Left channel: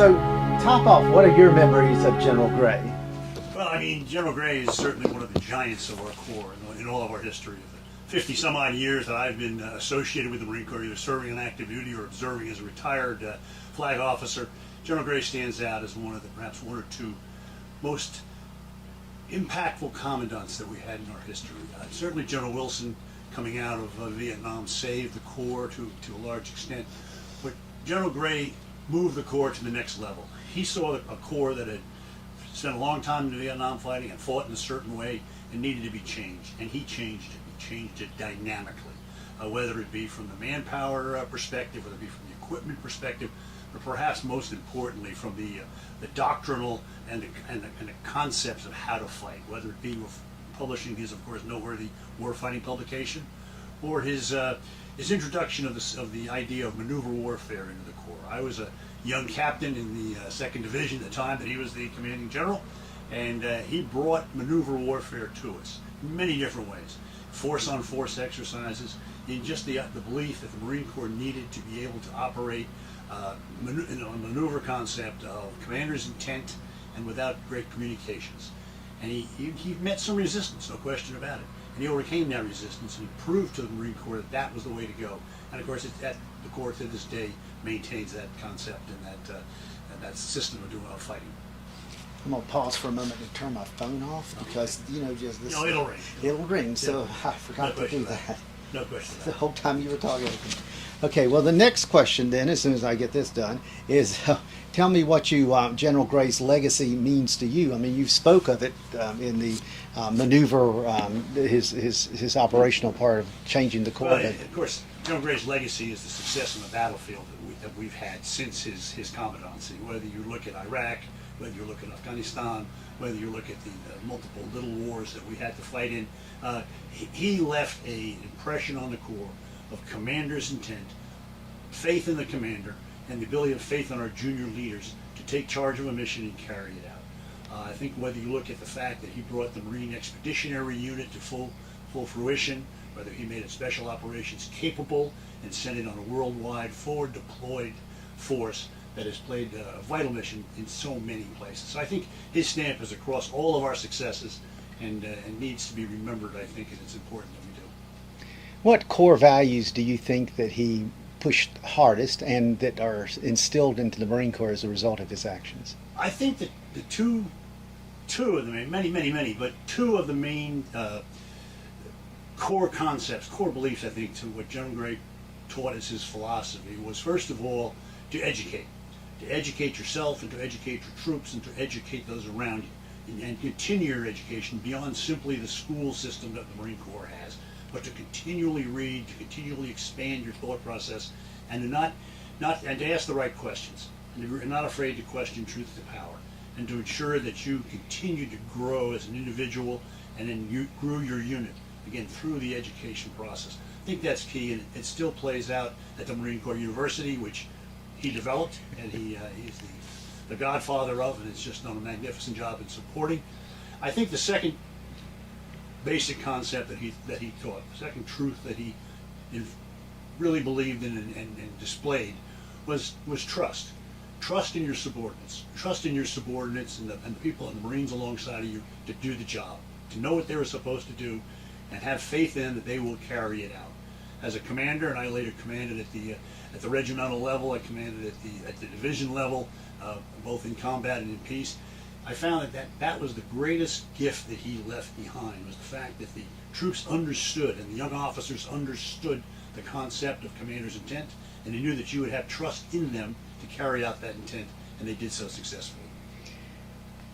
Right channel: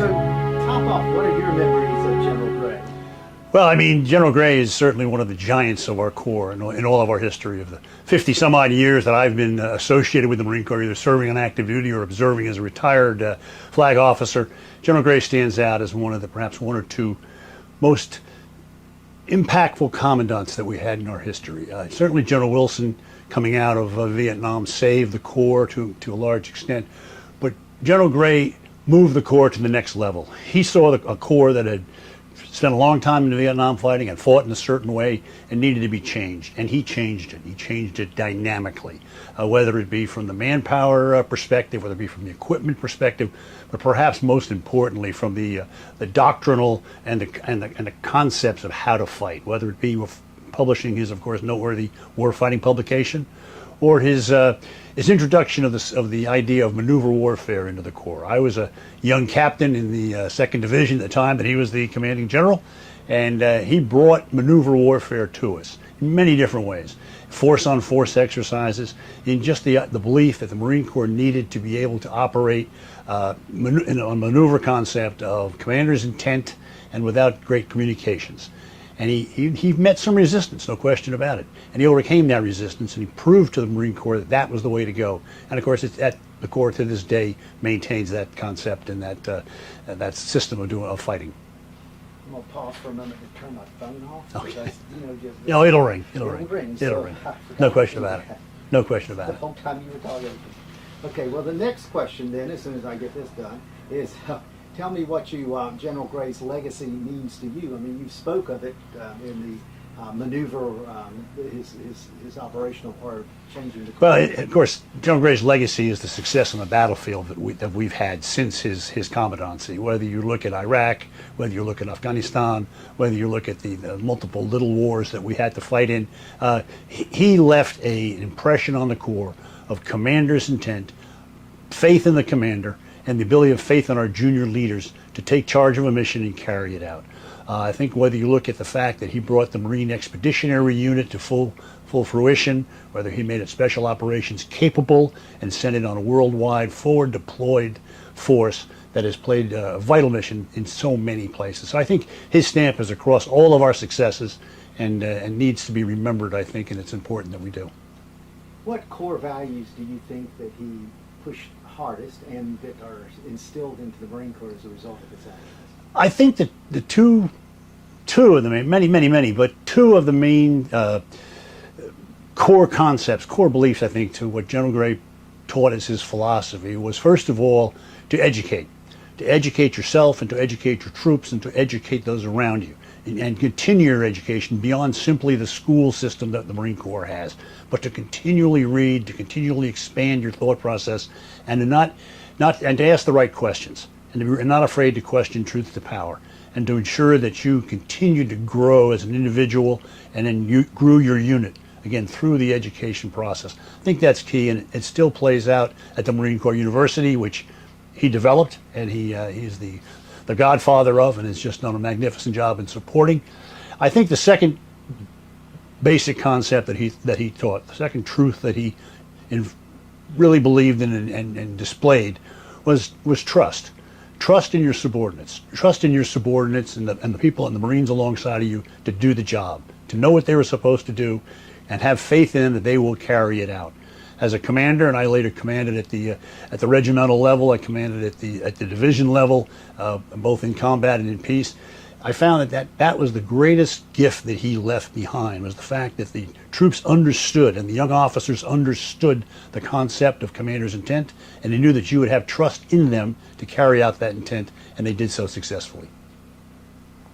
So, top off, what are your memories of General Gray? Well, I mean, General Gray is certainly one of the giants of our Corps in all of our history. Of the 50 some odd years that I've been associated with the Marine Corps, either serving on active duty or observing as a retired flag officer, General Gray stands out as one of the perhaps one or two most impactful commandants that we had in our history. Certainly General Wilson, coming out of Vietnam, saved the Corps to a large extent, but General Gray moved the Corps to the next level. He saw a Corps that had spent a long time in the Vietnam fighting and fought in a certain way and needed to be changed, and he changed it. He changed it dynamically, whether it be from the manpower perspective, whether it be from the equipment perspective, but perhaps most importantly from the doctrinal and the concepts of how to fight, whether it be with publishing his, of course, noteworthy warfighting publication, or his introduction of the idea of maneuver warfare into the Corps. I was a young captain in the 2nd Division at the time that he was the commanding general, and he brought maneuver warfare to us in many different ways. Force-on-force exercises, in just the belief that the Marine Corps needed to be able to operate in a maneuver concept of commander's intent and without great communications. And he met some resistance, no question about it. And he overcame that resistance, and he proved to the Marine Corps that that was the way to go. And of course, the Corps to this day maintains that concept and that system of fighting. I'm gonna pause for a moment to turn my phone off because just No, it'll ring. It'll ring. So It'll ring. I forgot No to question do about it. that. No question about The it. whole time you were talking. Okay, well, the next question then, as soon as I get this done, is tell me what General Gray's legacy means to you. I mean, you spoke of it in the maneuver, his operational part of changing the Corps. Well, of course, General Gray's legacy is the success on the battlefield that we've had since his commandancy. Whether you look at Iraq, whether you look at Afghanistan, whether you look at the multiple little wars that we had to fight in, he left an impression on the Corps of commander's intent, faith in the commander, and the ability of faith in our junior leaders to take charge of a mission and carry it out. I think whether you look at the fact that he brought the Marine Expeditionary Unit to full fruition, whether he made it special operations capable and sent it on a worldwide forward deployed force that has played a vital mission in so many places. So I think his stamp is across all of our successes and needs to be remembered, I think, and it's important that we do. What core values do you think that he pushed hardest and that are instilled into the Marine Corps as a result of his actions? I think that the two of the main, many, but two of the main core concepts, core beliefs, I think, to what General Gray taught as his philosophy was, first of all, to educate yourself and to educate your troops and to educate those around you, and continue your education beyond simply the school system that the Marine Corps has, but to continually read, to continually expand your thought process, and to ask the right questions, and to be not afraid to question truth to power, and to ensure that you continue to grow as an individual, and then you grew your unit again through the education process. I think that's key, and it still plays out at the Marine Corps University, which he developed, and he's the godfather of, and has just done a magnificent job in supporting. I think the second basic concept that he taught, the second truth that he really believed in and displayed was trust. Trust in your subordinates. Trust in your subordinates and the people and the Marines alongside of you to do the job, to know what they were supposed to do, and have faith in that they will carry it out. As a commander, and I later commanded at the regimental level, I commanded at the division level, both in combat and in peace. I found that was the greatest gift that he left behind, was the fact that the troops understood and the young officers understood the concept of commander's intent, and they knew that you would have trust in them to carry out that intent, and they did so successfully.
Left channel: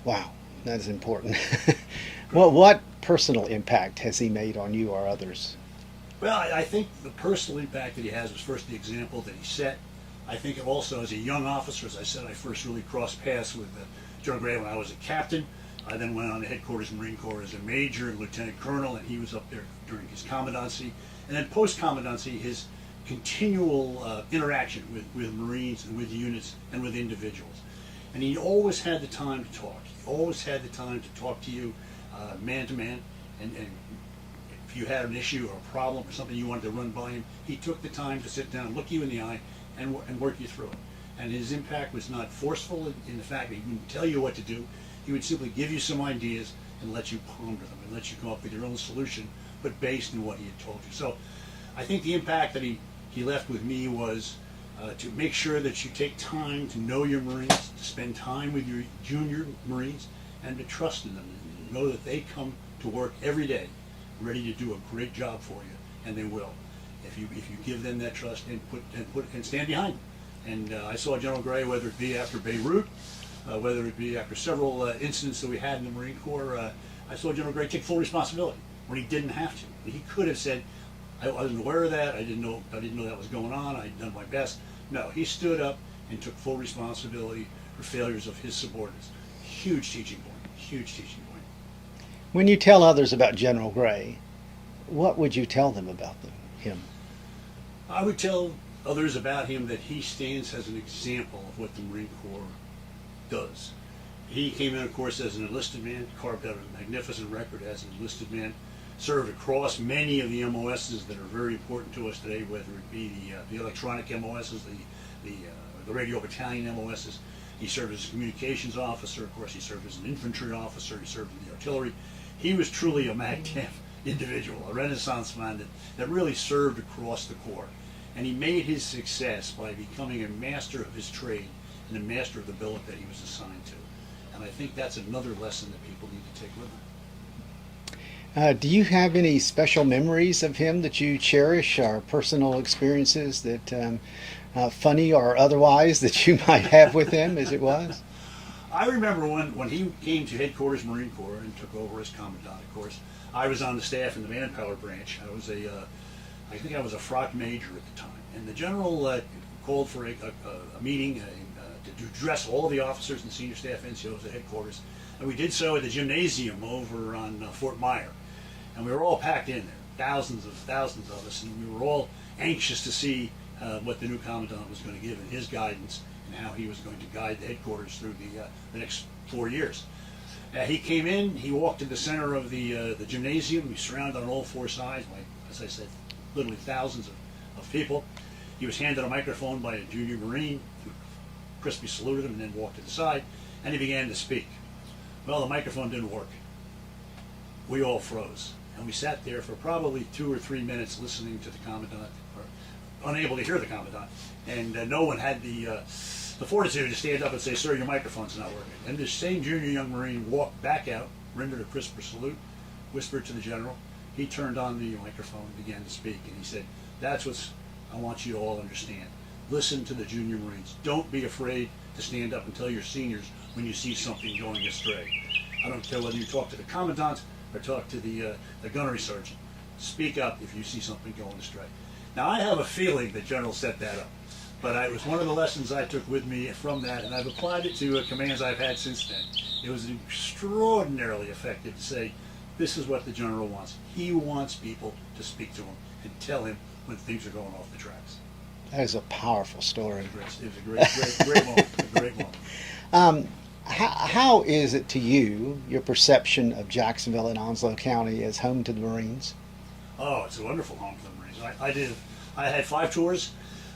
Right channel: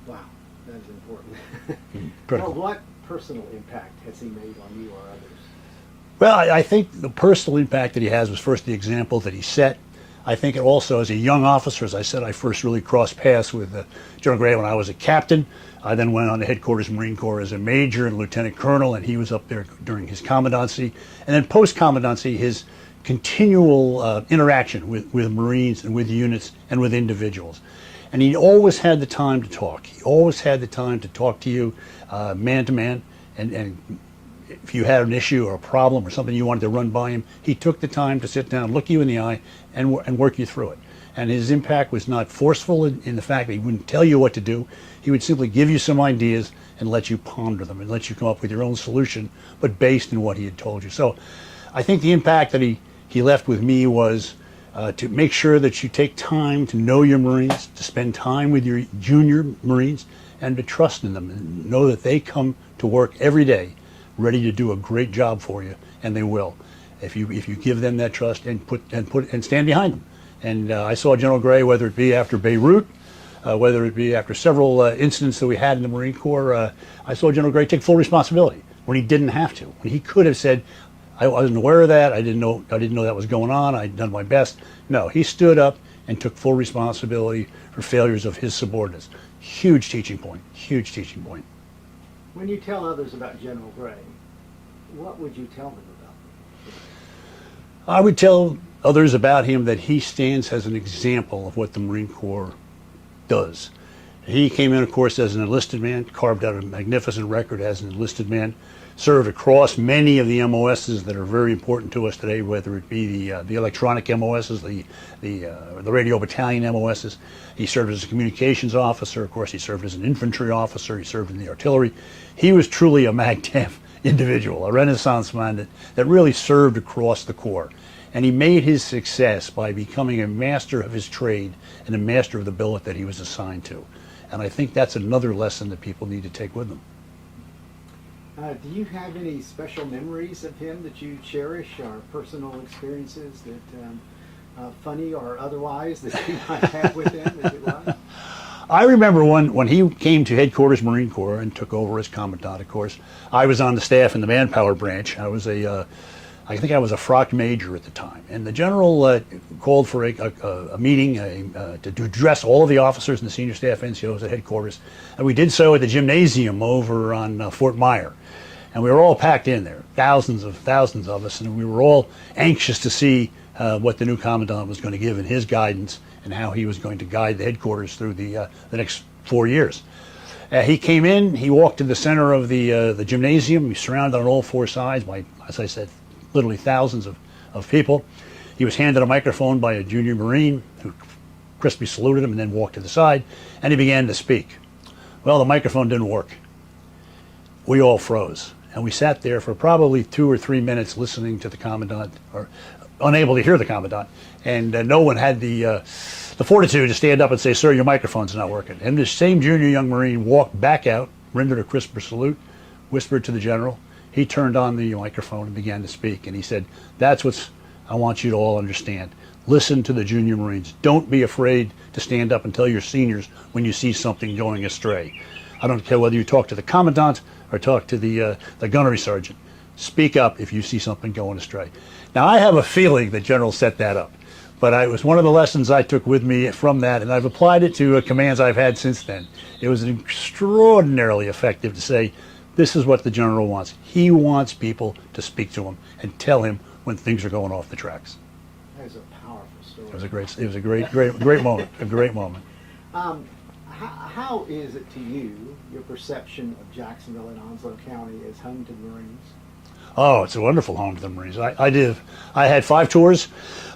Wow, that is important. Well, what personal impact has he made on you or others? Well, I think the personal impact that he has was first the example that he set. I think also as a young officer, as I said, I first really crossed paths with General Gray when I was a captain. I then went on to headquarters Marine Corps as a major and lieutenant colonel, and he was up there during his commandancy. And then post-commandancy, his continual interaction with Marines and with units and with individuals. And he always had the time to talk. He always had the time to talk to you man to man, and if you had an issue or a problem or something you wanted to run by him, he took the time to sit down, look you in the eye, and work you through it. And his impact was not forceful in the fact that he wouldn't tell you what to do. He would simply give you some ideas and let you ponder them and let you come up with your own solution, but based in what he had told you. So I think the impact that he left with me was to make sure that you take time to know your Marines, to spend time with your junior Marines, and to trust in them and know that they come to work every day ready to do a great job for you, and they will if you give them that trust and stand behind them. And I saw General Gray, whether it be after Beirut, whether it be after several incidents that we had in the Marine Corps, I saw General Gray take full responsibility when he didn't have to. When he could have said, I wasn't aware of that, I didn't know that was going on, I'd done my best. No, he stood up and took full responsibility for failures of his subordinates. Huge teaching point, huge teaching point. When you tell others about General Gray, what would you tell them about him? I would tell others about him that he stands as an example of what the Marine Corps does. He came in, of course, as an enlisted man, carved out a magnificent record as an enlisted man, served across many of the MOSs that are very important to us today, whether it be the electronic MOSs, the radio battalion MOSs. He served as a communications officer. Of course, he served as an infantry officer. He served in the artillery. He was truly a MAGTF individual, a Renaissance man that really served across the Corps. And he made his success by becoming a master of his trade and a master of the billet that he was assigned to. And I think that's another lesson that people need to take with them. Do you have any special memories of him that you cherish, or personal experiences that, funny or otherwise, that you might have with him as it was? I remember when he came to headquarters Marine Corps and took over as commandant, of course. I was on the staff in the manpower branch. I think I was a frock major at the time. And the general called for a meeting to address all of the officers and the senior staff NCOs at headquarters. And we did so at the gymnasium over on Fort Myer. And we were all packed in there, thousands of us, and we were all anxious to see what the new commandant was going to give in his guidance and how he was going to guide the headquarters through the next 4 years. He came in, he walked to the center of the gymnasium. He surrounded on all four sides by, as I said, literally thousands of people. He was handed a microphone by a junior Marine who crisply saluted him and then walked to the side, and he began to speak. Well, the microphone didn't work. We all froze. And we sat there for probably 2 or 3 minutes listening to the commandant, or unable to hear the commandant. And no one had the fortitude to stand up and say, "Sir, your microphone's not working." And this same junior young Marine walked back out, rendered a crisper salute, whispered to the general. He turned on the microphone and began to speak. And he said, "That's what I want you to all understand. Listen to the junior Marines. Don't be afraid to stand up and tell your seniors when you see something going astray. I don't care whether you talk to the commandant or talk to the gunnery sergeant. Speak up if you see something going astray." Now, I have a feeling that General set that up, but it was one of the lessons I took with me from that, and I've applied it to commands I've had since then. It was extraordinarily effective to say, this is what the General wants. He wants people to speak to him and tell him when things are going off the tracks. That is a powerful story. It was a great moment, a great moment. How is it to you, your perception of Jacksonville and Onslow County as home to the Marines? Oh, it's a wonderful home to the Marines. I had 5 tours.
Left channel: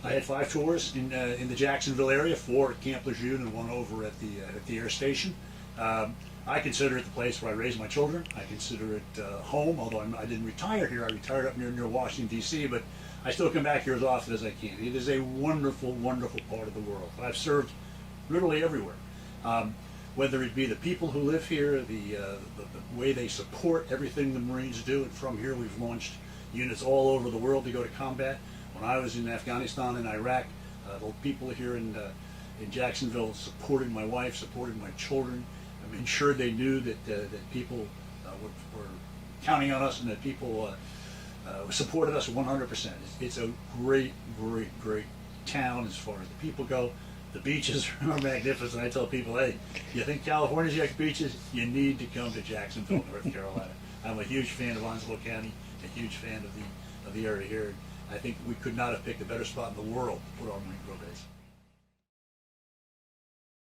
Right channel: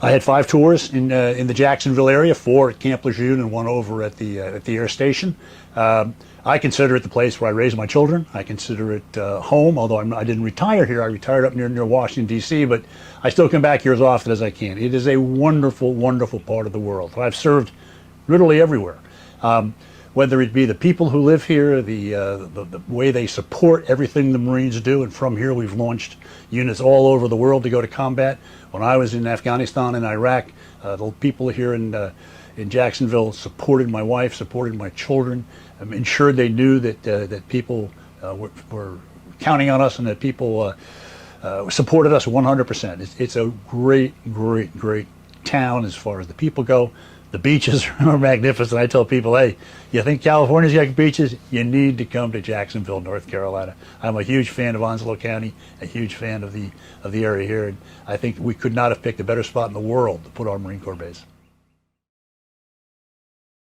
I had 5 tours in the Jacksonville area, 4 at Camp Lejeune and 1 over at the air station. I consider it the place where I raised my children. I consider it home, although I didn't retire here. I retired up near Washington, D.C., but I still come back here as often as I can. It is a wonderful, wonderful part of the world. I've served literally everywhere. Whether it be the people who live here, the way they support everything the Marines do, and from here we've launched units all over the world to go to combat. When I was in Afghanistan and Iraq, the people here in Jacksonville supported my wife, supported my children, ensured they knew that people were counting on us and that people supported us 100%. It's a great, great, great town as far as the people go. The beaches are magnificent. I tell people, hey, you think California's got beaches? You need to come to Jacksonville, North Carolina. I'm a huge fan of Onslow County, a huge fan of the area here. And I think we could not have picked a better spot in the world to put our Marine Corps base.